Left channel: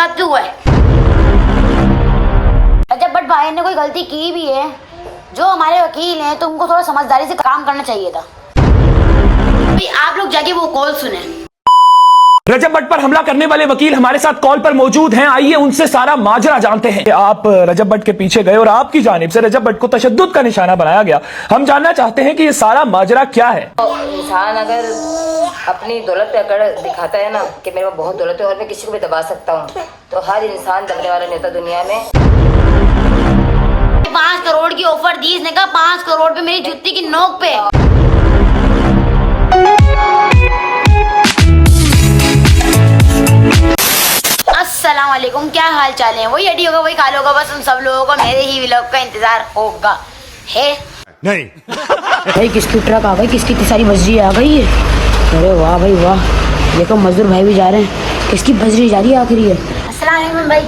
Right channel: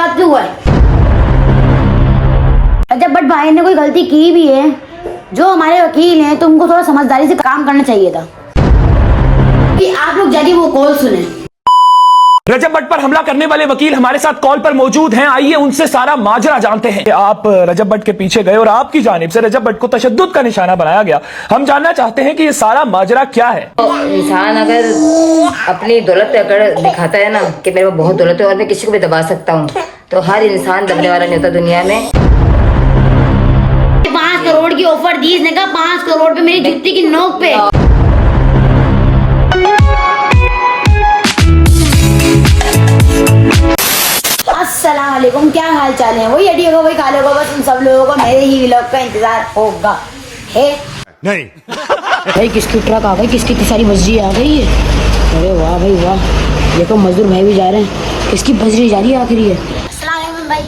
बात क्यों हुआ है? रजब भट्ट भाई ने कोई गलती की भी है, जो हमारे वकील हैं, तो उनको थोड़ा समझदारी से काम करना चाहिए था। आप लोग जाके वो कॉल सुने। रजब भट्ट पर हमला करने वाले वकील हमारे साथ कॉल पर मौजूद हैं। आइए उनसे सारा माजरा जानते हैं। आप रजब भट्ट के पीछे गए और आपकी जानिब से रजब भट्ट को तशद्दुद का निशाना बनाया गया। हम जानना चाहते हैं कि ये सारा माजरा क्या है। तो इंसान अगर अपनी दौलत अगर दिखाता है ना कि मेरे पास बहुत दौलत है और मैं किसी को भी दबा सकता हूँ, तो हर इंसान दबने वाला नहीं होता दुनिया में। 5 करोड़ की ऑफर दी, इसने कहा 5 करोड़ पे मेरी जुत्ती की नोक पे। अस्सलाम वालेकुम, क्या हाल चाल है? वही अडी होगा, वही खाल होगा, बस उन सब लोगों को मेरे ही व्लॉग का इंतजार होगा। है नहीं भाई, किसकी ट्रक आ गई, किसकी इतनी सारी बजरी आ गई है। अरे वाह भाई वाह, देखो मजदूर भाई भी जा रहे हैं। किसकी बजरी जा रही है आखिर ये? अस्सलाम वालेकुम भाई।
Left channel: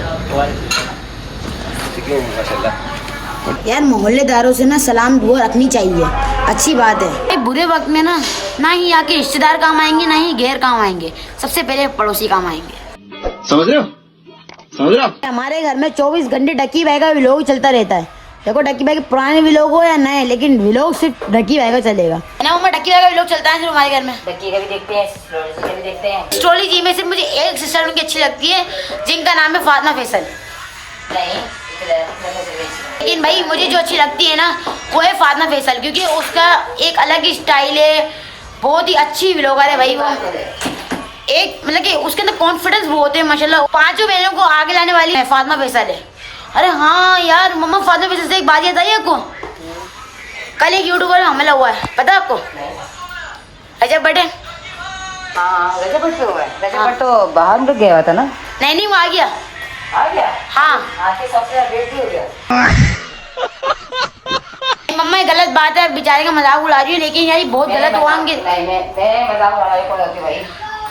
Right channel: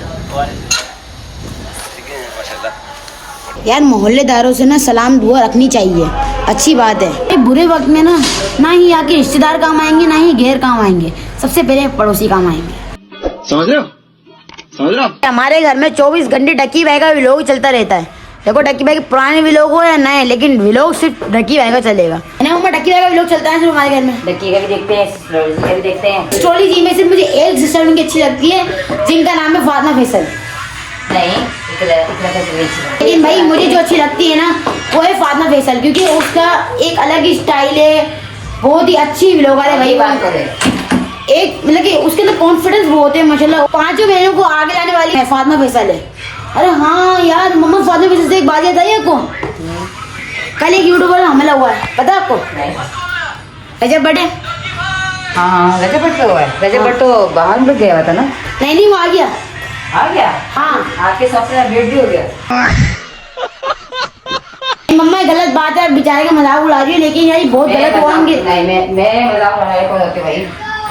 यार मोहल्लेदारों से ना सलाम दुआ रखनी चाहिए, अच्छी बात है। बुरे वक्त में ना ही यहाँ के रिश्तेदार काम आएंगे, ना ही गैर काम आएंगे, सबसे पहले पड़ोसी काम आएंगे। समझ रहे हो? समझ रहे हो? हमारे घर में 24 घंटे टक्की भाई का व्लॉग चलता रहता है। देखो टक्की भाई के पुराने व्लॉग हो या नए, लेकिन व्लॉग सिर्फ टक्की भाई का चलेगा ना। मम्मा टक्की भाई का व्लॉग चलता है सिर्फ हमारे घर में। डक्की का भी देखते हैं, स्टोरी का भी देखते हैं। स्टोरी जी में सिर्फ मुझे एक सिस्टर उनकी अच्छी लगती है, जिनका नाम है फातिमा फैसल। नहीं इतना लेकिन भाई मुझे जो अच्छी लगती है ना, वो है फातिमा फैसल, क्योंकि उसका एक अलग ही स्टाइल है, बहुत ही अच्छी व्लॉगर है भाई। बात करें एक मतलब कि उसके अंदर कॉन्फिडेंस बहुत है माशाल्लाह। 5 बहनों को आगे लाने वाली है फातिमा फैसल है। अरे हाँ यार, मम्मा फातिमा फैसल से एक बात याद आई आपको? कल एक यूट्यूबर में हमला हुआ है, पता आपको? रजब भट्ट है। हाँ रजब भट्ट हुआ है। रजब भट्ट तो बाहर में गया हुआ था ना? नहीं वो आ गया। आ गया? हाँ आपके सबसे अपडेट भी हो गया। मम्मा ये गलत बात है, बेचारे का मजाक उड़ा रही है, लेकिन यार बहुत गलत हुआ। नहीं मैं मजाक उड़ाने को होती भाई,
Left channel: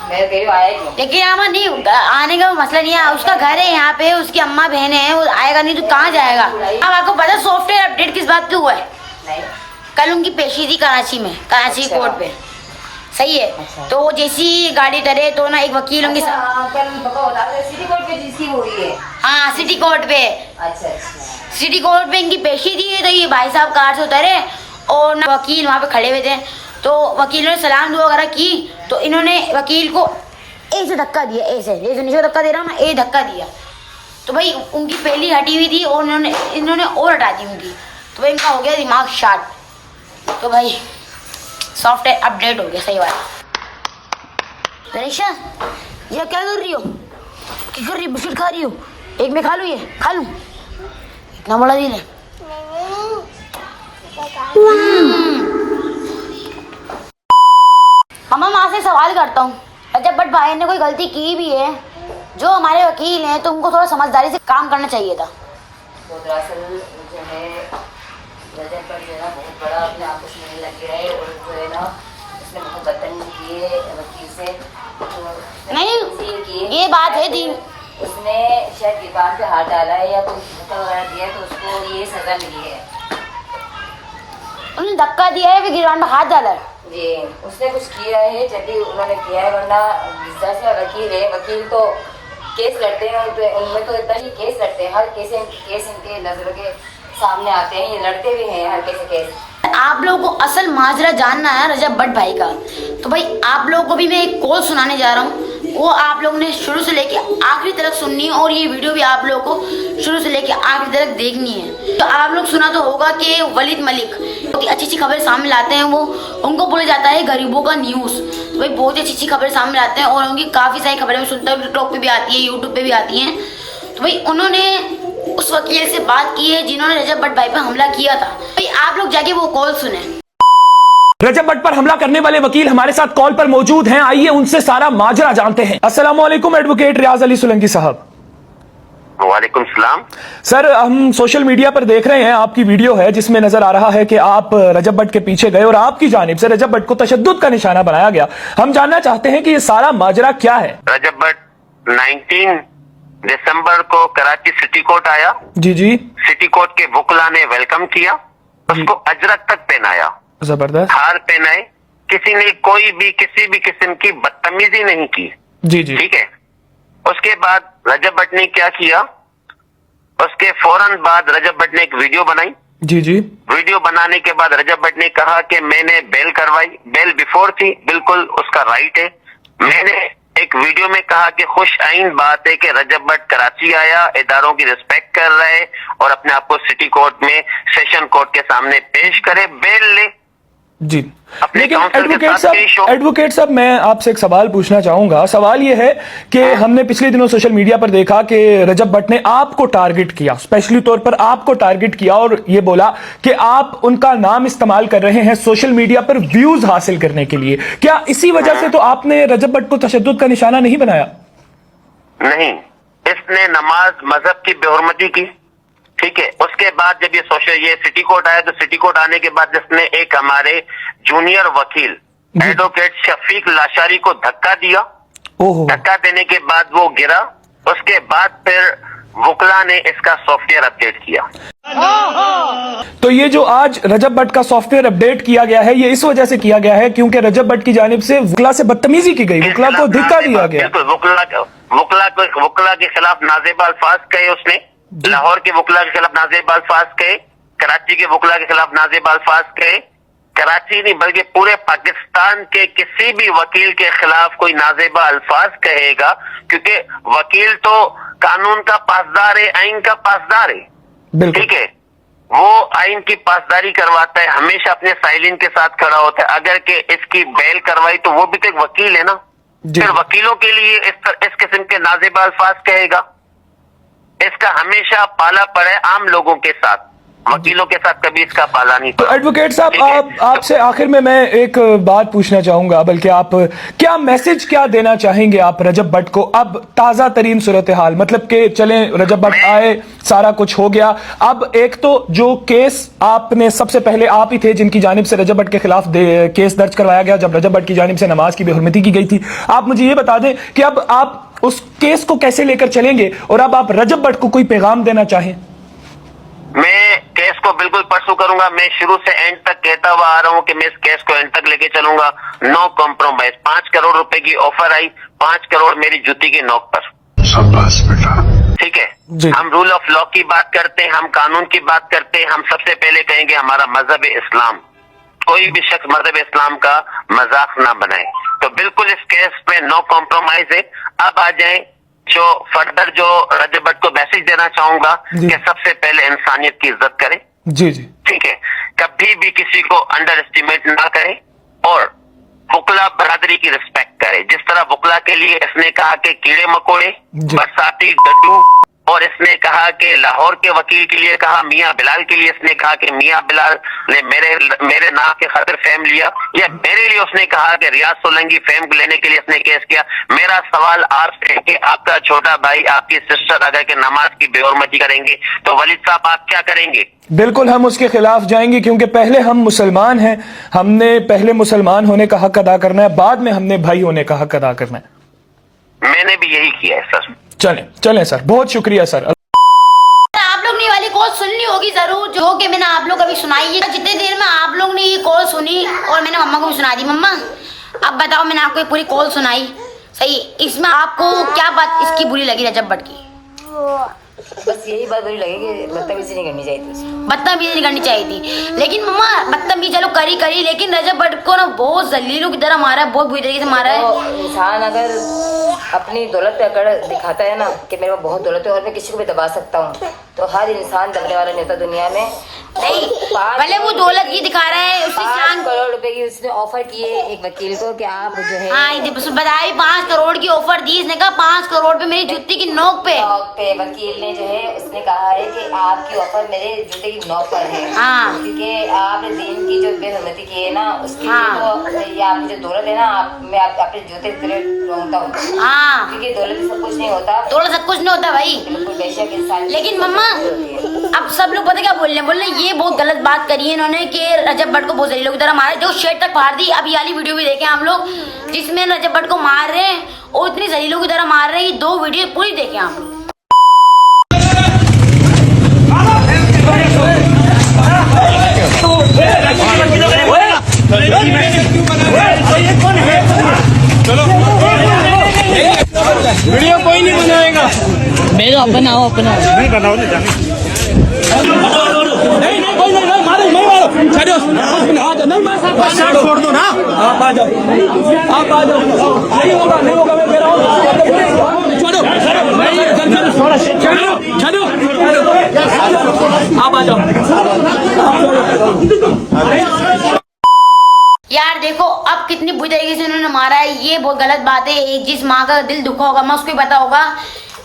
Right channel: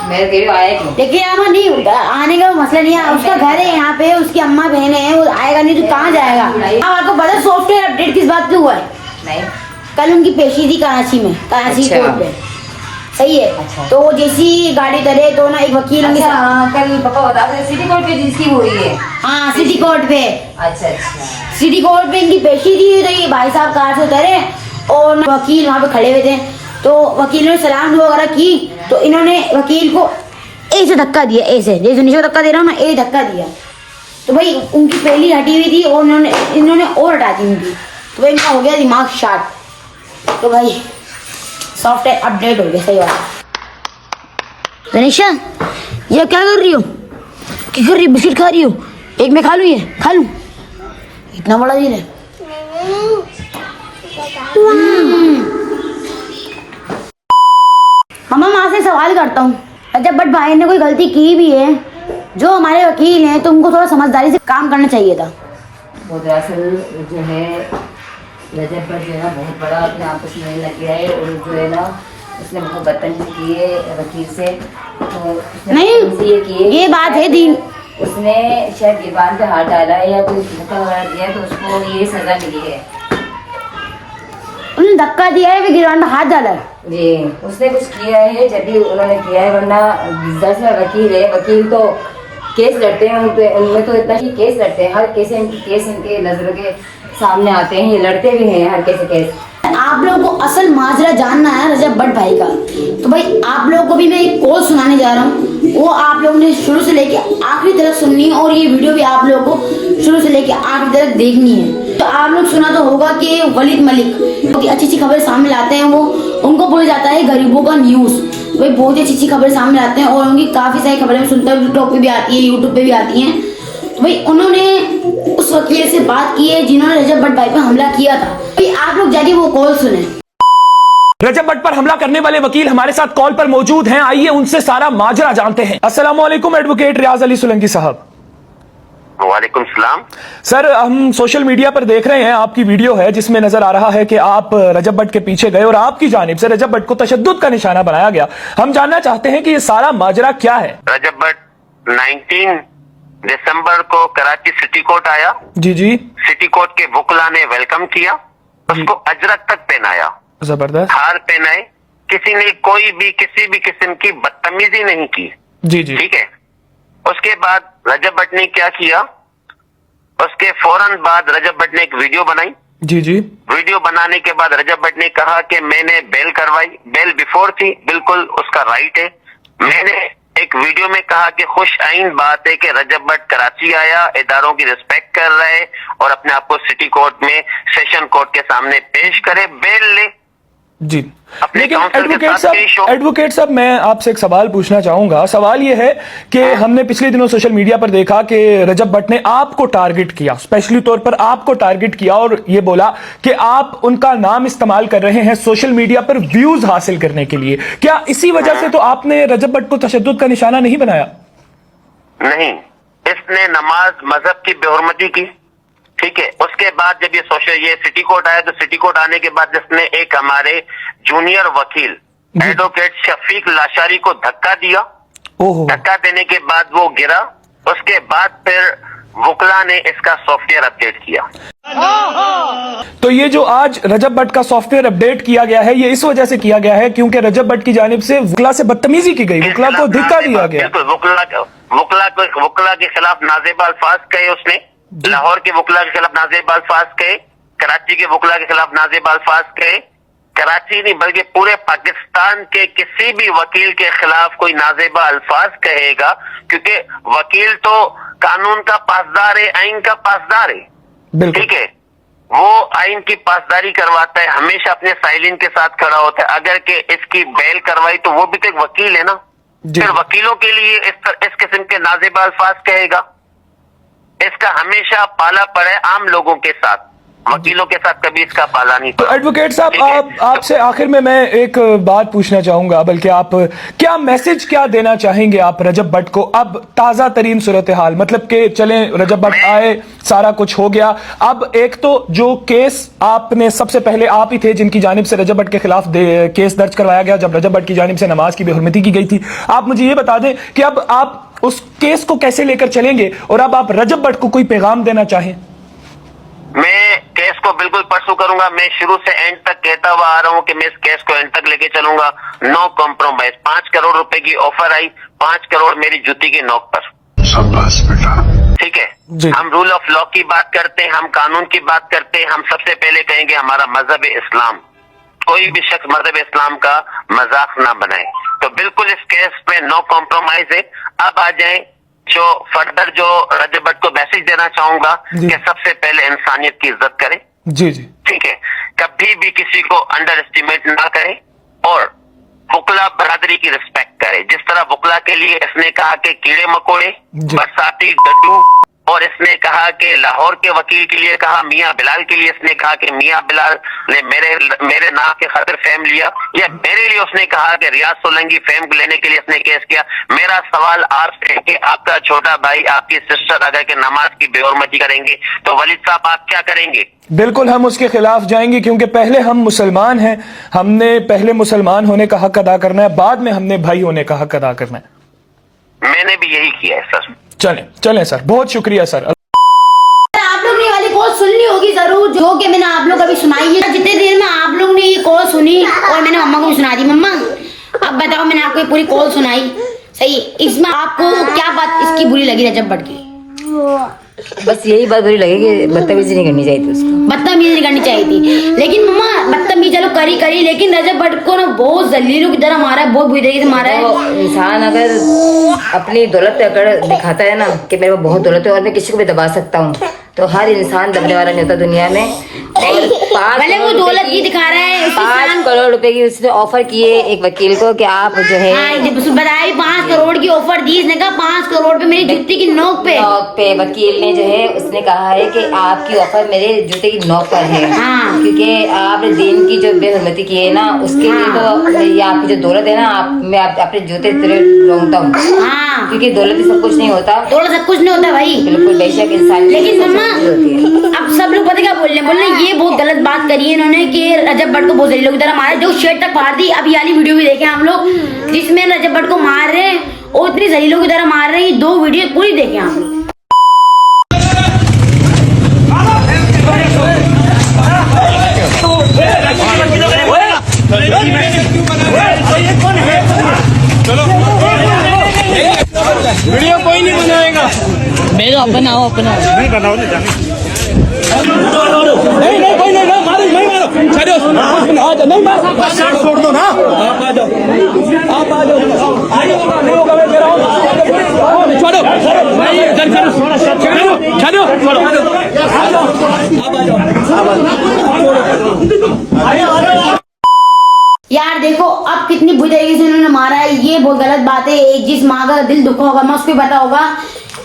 मैं तेरे आया क्यों? लेकिन अम्मा नहीं, आने का मसला नहीं है, उसका घर है यहाँ पे, उसकी अम्मा बहन है, वो आएगा नहीं तो कहाँ जाएगा? अब आपको पता सॉफ्टवेयर अपडेट किस बात पे हुआ है? नहीं कल उनकी पेशी थी कराची में, कराची अच्छा। कोर्ट पे, सही है। अच्छा। तो जैसी गाड़ी करे तो ना एक वकील उनके कल पापा बता रहे सिटी कोर्ट पे जिसकी हुई है। हाँ सिटी कोर्ट पे, अच्छा सिटी कोर्ट पे इनकी पेशी थी। तो ये भाई साहब कार से उतरे और ना वकील वहाँ पे खड़े हुए थे, तो वकील ने सलाम दुआ वगैरह की, तो इन्होंने वकील को ऐसे धक्का दिया, ऐसे जैसे नीचे धक्का दे रहा हूँ ना, ये धक्का दिया। तो भाई उनकी पहली हटी हुई थी और इन्होंने और हटा दी उनकी। तो भाई इनका हो गया दिमाग शार्ट। तो भाई सॉफ्टवेयर अपडेट हो गया, सही बात है। तनिषा ये क्या कर रही हो? क्या कर रही हो? बिस्किट खा रही हो? एक मैं खा लूँ, ये खा लूँ? इतना बड़ा दिल है। मम्मा माँ से सवाल करता हूँ, रजब भट्ट भाई ने कोई गलती की भी है, जो हमारे वकील हैं, तो उनको थोड़ा समझदारी से काम करना चाहिए था। वो दरअसल जो है रजब भट्ट जो है ना बहुत बड़ा अपने आपस में लग गया है, और जो है ना उसने बहुत बदतमीजी की है वकील से। नहीं ये बात है दीन, उसने शायद गिरबान पे हाथ डाला है या कोई धक्का वगैरह दिया है, तो उसको ये सजा मिली है। उन्होंने धक्का दिया है, फिर गिरवान पे हाथ डाला है। जी उसने कुछ किया है जब भी उन्होंने किया है, वरना दरअसल वकील है, वकील तो केस लड़ते हैं, उनमें तो इतना ही केस लड़ते हैं, हर केस इनके नजरों के सामने आते हैं, ये लड़ते भी हैं हर केस। आप लोगों को असल माजरा जानना है रजब भट्ट भाई का, तो भाई आप लोगों को भी मैं एक कॉल सुनाने जा रहा हूँ, वो आप लोगों ने शुरू से लेके आखिरी तक सुननी है, और ये वीडियो भी आप लोगों को शुरू से लेके आखिरी तक देखनी है। तो आप लोग सुना तो होगा कि वलीद मलिक बहुत ही अच्छी खबर सामने लाते हैं, वो उनको बोला जाता है गरीबों का न्यूज़। भाई बहुत ही अच्छी खबर सामने लाते हैं, और उनकी काफ़ी सारी खबरें सुनते हैं, टिकटॉक पे भी आती है, यूट्यूब पे भी आती हैं। तो भाई उन्होंने उस वकील से बात की है जिन्होंने रजब भट्ट भाई पर हमला किया था। भाई आप लोग जाके वो कॉल सुने। रजब भट्ट पर हमला करने वाले वकील हमारे साथ कॉल पर मौजूद हैं। आइए उनसे सारा माजरा जानते हैं। अस्सलाम वालेकुम एडवोकेट रियाज अली सोलंकी साहब। वालेकुम सलाम। सर हम सोशल मीडिया पर देख रहे हैं, आपकी वीडियो है जिसमें नजर आ रहा है कि आप रजब भट्ट के पीछे गए और आपकी जानिब से रजब भट्ट को तशद्दुद का निशाना बनाया गया। हम जानना चाहते हैं कि ये सारा माजरा क्या है। रजब भट्ट 19 दिसंबर को कराची सिटी कोर्ट आया। जी जी। सिटी कोर्ट के वकला ने वेलकम किया, उसको अजरक तक पहनाया, जबरदस्त। हार पहनाए, किसी ने कोई भी किसी भी किस्म की बदतमीजी नहीं की। जी जी। ठीक है। उसके बाद रजब भट्ट ने क्या किया, उसके फौरन बाद रजब भट्ट ने एक वीडियो बनाई। जी जी। वीडियो बनाने के बाद रजब भट्ट ने कहा कि मैंने बेल करवाई, बेल बिफोर थी, बिल्कुल उसका राइट है। मैंने एक वीडियो में कहा कि खुश आइन बात है कि रजब भट्ट कराची आया, इदारों की रिस्पेक्ट कर रहा है और अपने आप को सिटी कोर्ट में, सेशन कोर्ट के सामने पेश करे, बेल ले। जी, अपने लेकिन काउंसिल के एडवोकेट साथ पेश हो। साहब मैं आपसे एक सवाल पूछना चाहूंगा। सवाल यह है कि हमने पिछले दिनों सोशल मीडिया पर देखा कि रजब भट्ट ने आपको टारगेट किया, स्पेशली तौर पर आपको टारगेट किया और यह बोला कि आप उनका नाम इस्तेमाल कर रहे हैं सोशल मीडिया पर व्यूज हासिल करने के लिए। क्या इसी वजह से तो आपने रजब भट्ट को तशद्दुद का निशाना नहीं बनाया? नहीं, इसने नमाज मजहब की बेहुरमती की, ठीक है। उसके बाद जब ये सिटी कोर्ट आया तो सिटी कोर्ट आने के बाद जिसने एक हमारे जूनियर वकील एडवोकेट शफीक लाशारी को धक्का दिया, ओहो। धक्का देने के बाद वो गिरा। उसके बाद फिर वकला ने इसका सॉफ्टवेयर अपडेट किया। तो ये जो आज रजब भट्ट का सॉफ्टवेयर अपडेट किया गया है, ये इस वजह से किया गया है क्योंकि रजब भट्ट की जानिब से वकला से बदतमीजी की गई, वकला को धिक्का दिया गया। बिल्कुल, वकला के खिलाफ नाजेबा अल्फाज कहे उसने, लाहौर के वकला के खिलाफ नाजेबा अल्फाज कहे, कराची के वकला के खिलाफ नाजेबा अल्फाज कहे। कराची नहीं बल्कि पूरे पाकिस्तान के किसी भी वकील के खिलाफ कोई नाजेबा अल्फाज कहेगा, क्योंकि वकील तो कानून का पासदार है, आइन का पासदार है, बिल्कुल ठीक है। वो आइन की पासदारी करवाता है, हमेशा अपने साइलिन के साथ खड़ा होता है। अगर के इसकी बेल करवाई तो वो भी तो एक वकील है ना, फिर वकीलों के लिए इस किस्म के नाजेबा अल्फाज कहेगा। इसका हमेशा पाला पड़ा है आम लोगों के साथ, वकीलों के साथ कभी इसका पाला नहीं तो पड़ा। एडवोकेट साहब आपसे आखिर में मैं एक बात पूछना चाहूंगा, बल्कि आप क्या मैसेज क्या देना चाहेंगे आप रजब भट्ट को? अब ताजा तरीन सूरत हाल, मतलब कि चलें रजब भट्ट आए, सारा कुछ हो गया, अब एक तो जो केस आपने सबसे पहले आप ही थे जिनकी जानिब से रजब भट्ट के खिलाफ केस दर्ज करवाया गया जब रजब भट्ट की जानिब से नमाज की बेहुरमती की गई थी। आप मुझे ये बता दें कि अब आप उस केस को कैसे लेकर चलेंगे और अब आप रजब भट्ट को कोई पैगाम देना चाहें? मैं केस को बिल्कुल परसू करूंगा। मैं शुरू से एंड तक कहता हुआ आ रहा हूं कि मैं इस केस को एंड तक लेके चलूंगा, नो कॉम्प्रोमाइज। 5 करोड़ रुपए की ऑफर आई, 5 करोड़ मेरी जूती की नोक पर। शाबाश बेटा। ठीक है, हम रूल ऑफ लॉ की बात करते हैं, हम कानून की बात करते हैं। हम सबसे पहले कहेंगे हमारा मजहब इस्लाम, कोई भी शख्स मजहब इस्लाम का मजाक ना बनाए। तो बिल्कुल इस केस पे नो कॉम्प्रोमाइज है। अब आ जाए जो फर्दर जो रजब भट्ट को मैसेज देना चाहूंगा कि सबसे पहले इंसानियत की इज्जत करें। जी जी, ठीक है, कभी भी किसी को अंडर एस्टिमेट ना करें और वकला बरादरी की रिस्पेक्ट करें। जिस तरह वकला के लिए इसने कहा कि कीड़े मकोड़े, बरसाती, डड्डू, और इसने कहा कि लाहौर के वकील के लिए कहा, मियां बिलाल के लिए इसने कहा कि मियां बिलाल ने मेरे नाम के खातिर फेम लिया, या मेरे लिए उसने कहा कि रियाज सोलंकी फेम लेने के लिए इसने केस किया। मेरा सवाल आपसे कि आपका छोटा भाई, आपकी सिस्टर अगर के नमाज की बेहुरमती करेंगे तो वलीद साहब आप क्या करेंगे? बिल्कुल हम उसके खिलाफ जाएंगे, क्योंकि पहले हम मुसलमान हैं, हमने पहले मुसलमान होने का हक अदा करना है, बाद में हमने भाई होने का हक अदा करना है। मैंने भी यही किया है सर। चलें सर, बहुत शुक्रिया सर। आप लोग ने वाली कॉल सुननी होगी जरूर, जो कि मैंने आप लोग अभी सुनाई है। जितने देर में आप लोग ने ये कॉल सुनी और मैंने मम्मा को भी सुना दी। मम्मा अब बताओ, मैंने आपको ये पूरी कॉल सुनाई, सही, इसमें आपको क्या बात इसकी बुरी लगी रजब भट्ट की? बस यही बात बुरी लगी कि बदतमीजी नहीं करनी चाहिए थी उसको। बदतमीजी नहीं करनी चाहिए थी, लेकिन मम्मा बदतमीजी चलो करी, लेकिन रजब भट्ट को ना बहुत जलीलों की तरह मारा है, बहुत बुरी तरीके से मारा है। तो इंसान अगर अपनी दौलत पे अगर दिखाता है ना कि मेरे पास बहुत दौलत है और मैं किसी को भी दबा सकता हूँ, तो हर इंसान दबने वाला नहीं होता दुनिया में। और भले वो दौलत की दिखा रहा है, 5 करोड़ रुपए की उसने ऑफर किए एक वकील को कि आप जो है बताई 5 करोड़ की ऑफर दी। इसने कहा 5 करोड़ पे मेरी जूती की नोक पे वकील ने जो है उसने कहा है कि आपकी ऑफर मेरे जूते की नोक पर है। हाँ। क्योंकि आपने दीन की जो बेहुरमती की है ना, उसके लिए तो ये आपकी जो दौलत है ना, मैं अपने जूते रोंगता हूँ। हाँ, क्योंकि दौलत ही सब कुछ नहीं होता, दौलत सब कुछ नहीं होता भाई, बिल्कुल बेशक इंसान। लेकिन मम्मा अब सब लोग पता क्या बोल रहे हैं, ये बहुत गलत बात करी है इन्होंने कि रजब भट्ट को बहुत जलीलों की तरह मारा, जो शर्ट तक फाड़ दी। अब ये वाली वीडियो भी देखे हम लोग जिसमें रजब भट्ट को मार रहे हैं और इतनी जलीलों की तरह मार रहे हैं। ये 2 वीडियो पूरी देखे हम लोग। वीडियो कोई नहीं नहीं बनाएगा। मेरा बनाओ अपना। नहीं बनाओ नहीं नहीं कोई नहीं मारो नहीं मारो छोड़ो नहीं मारो छोड़ दो ना आप आ जाओ नहीं होगा मैं कह रहा हूँ छोड़ो छोड़ो आप आ जाओ यार देखो अब कितनी बुरी तरीके से उन्होंने मारा है, ये बहुत गलत बात है। एक जिस माँ का दिल दुखा होगा मैं उसको पता होगा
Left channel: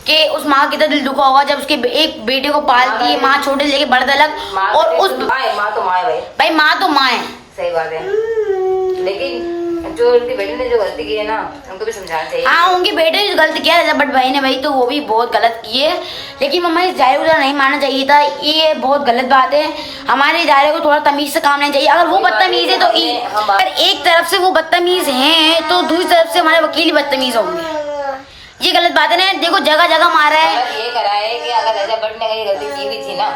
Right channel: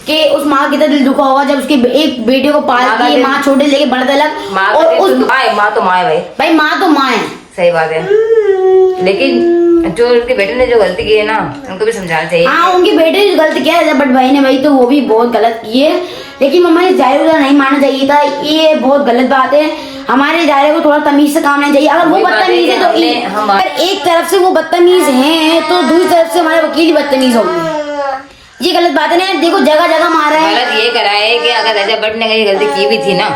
कि उस माँ का कितना दिल दुखा होगा जब उसके एक बेटे को पालती है माँ, छोटे लेके बड़े तक। और उस माँ तो माँ है भाई माँ तो माँ है, सही बात है, लेकिन जो उनके बेटे ने जो गलती की है ना उनको भी समझाना चाहिए। हाँ उनके बेटे ने जो गलती किया है बट भाई ने भाई तो वो भी बहुत गलत की है, लेकिन मम्मा इस दायरे को नहीं मानना चाहिए था, ये बहुत गलत बात है। हमारे दायरे को थोड़ा तमीज से काम लेना चाहिए। अगर वो बदतमीज है तो अगर एक तरफ से वो बदतमीज हैं तो दूसरी तरफ से हमारे वकील बदतमीज होंगे, ये गलत बात है ना। देखो जगह जगह मारा है। गलत ये करा है कि अगर रजब भट्ट ने कहीं गलती की भी थी ना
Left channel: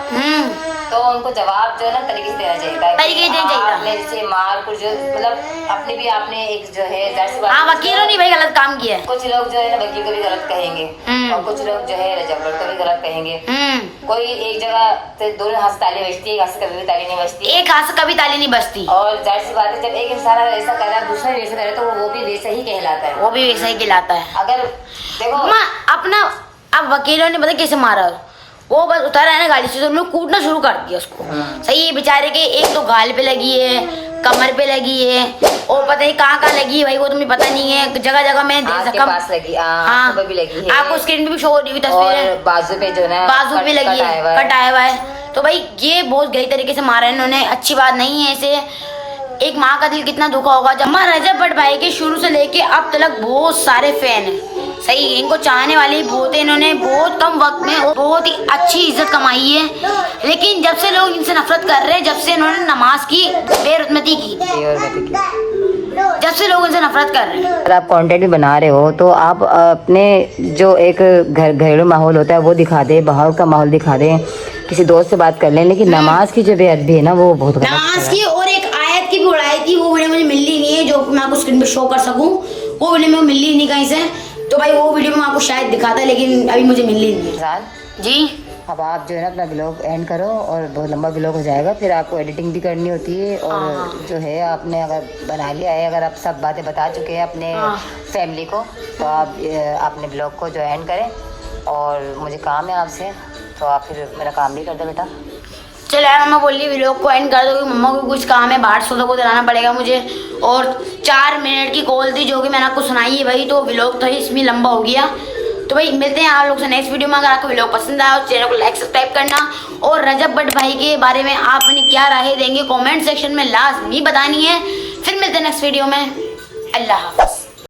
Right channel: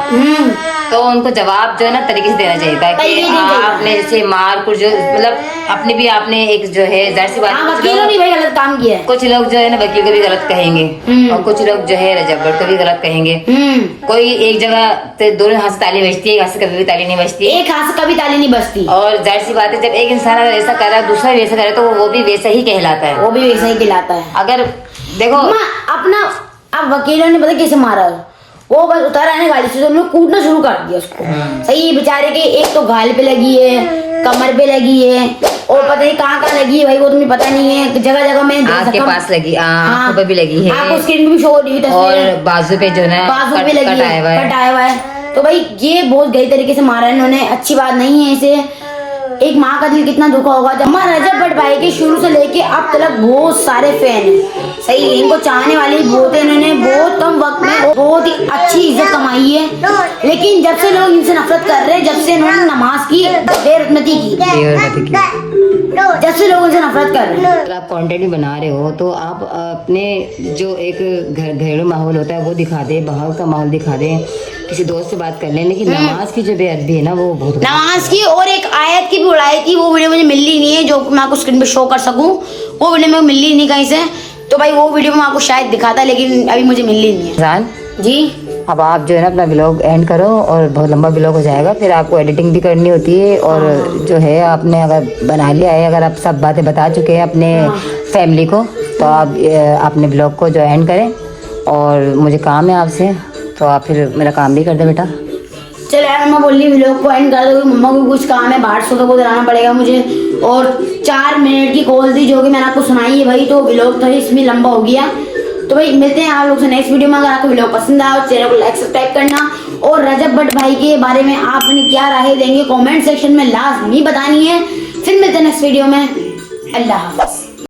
तो उनको जवाब जो है ना तरीके से देना चाहिए था कि आपने जैसे मार कुछ जो मतलब अपनी भी आपने एक जो है जाहिर सी बात है वकीलों ने भाई गलत काम किया है। कुछ लोग जो है ना वकील को भी गलत कहेंगे और कुछ लोग जो है रजब भट्ट को भी गलत कहेंगे। कोई एक जगह तो दोनों हाथ से ताली बजती है, एक हाथ से कभी भी ताली नहीं बजती, एक हाथ से कभी ताली नहीं बजती। और जाहिर सी बात है जब एक इंसान ऐसा कर रहा है दूसरा भी ऐसा करे तो वो भी वैसा ही कहलाता है, वो भी वैसा ही कहलाता है। अगर देखो अपना अब वकीलों ने पता कैसे मारा, वो बस उतारा है ना गाड़ी से तो उन्होंने कूदना शुरू कर दिया उसको। सही है बेचारे के, एक तो गाल पे लगी है, कमर पे लगी है और पता नहीं कहाँ लगी है भाई वो तुम्हें पता नहीं है। जगह जगह मैंने आँख के पास लगी, आँखों पे भी लगी है, आपको स्क्रीन पे भी शो हो रही है और बाजू पे जो है बाजू पे लगी है, कटाया हुआ है। तो भाई ये बहुत गलत तरीके से मारा है इन्होंने, अच्छी बात नहीं है। ऐसे एक माँ का दिल कितना दुखा होगा। जब रजब भट्ट भाई के शुरू से लेके अब तक बहुत सारे फैन हैं, सही इनको चाहने वाले बहुत है। इन्होंने बहुत कम वक्त में बहुत ही अच्छी इज्जत कमाई है, लेकिन जब से लोग इनसे नफरत कर रहे हैं, जब से इन्होंने नमाज की बेरुखमती की, जब से लोग इनसे नफरत कर रहे हैं। अगर आप कंटेंट भी बना रहे हो तो आप अपने जो एक घरेलू माहौल होता है वो दिखा दे, बाहर का माहौल दिखा दे, किसी दोस्त से बात कर लें, लेकिन नमाज की जो बेअदबी है ना वो बहुत नमाज की और एक आयत की भी उड़ाई थी, वो वीडियो मुझे मिली नहीं है जो मैं आपको स्क्रीन पे शो कर सकूं, वो वीडियो में मिली नहीं कहीं से, तो भाई वो वीडियो मैं आपको शायद दिखाता लेकिन अभी मुझे मिली नहीं है। जी अब आप जो है ना अपना ब्लॉग एंड करो और बहुत लंबा ब्लॉग हो जाएगा, फिर आपको एडिटिंग भी करनी होती है और जो है आपने अगर बना लिया है, अगर आप सब बातें बता चुके हैं अपने फैमिली को तो आप अपने ब्लॉग को जो एंड करें। और मुझे काम है आपसे तो आप फिर मेरा काम भी कर दे बेटा। चलो यार मम्मा बोल रही व्लॉग को एंड कर दो, मम्मा को कुछ काम है बाहर सोदा को लाना पड़ेगा मुझे, और 4 मिनट की कॉल थी जो कि मैंने आपको सुनाई है भाई, तो व्लॉग तो इसमें लंबा हो गया। तो भाई मिलते हैं आप लोग से नेक्स्ट वीडियो में। अगर आपको व्लॉग पसंद आया तो चैनल को लाइक सब्सक्राइब करना, और रजब भट्ट भाई के बारे में आपने क्या राय देंगे कॉमेंट सेक्शन में लाजमी बतानी है। फिर मिलते हैं नेक्स्ट वीडियो में। अल्लाह हाफ़िज़।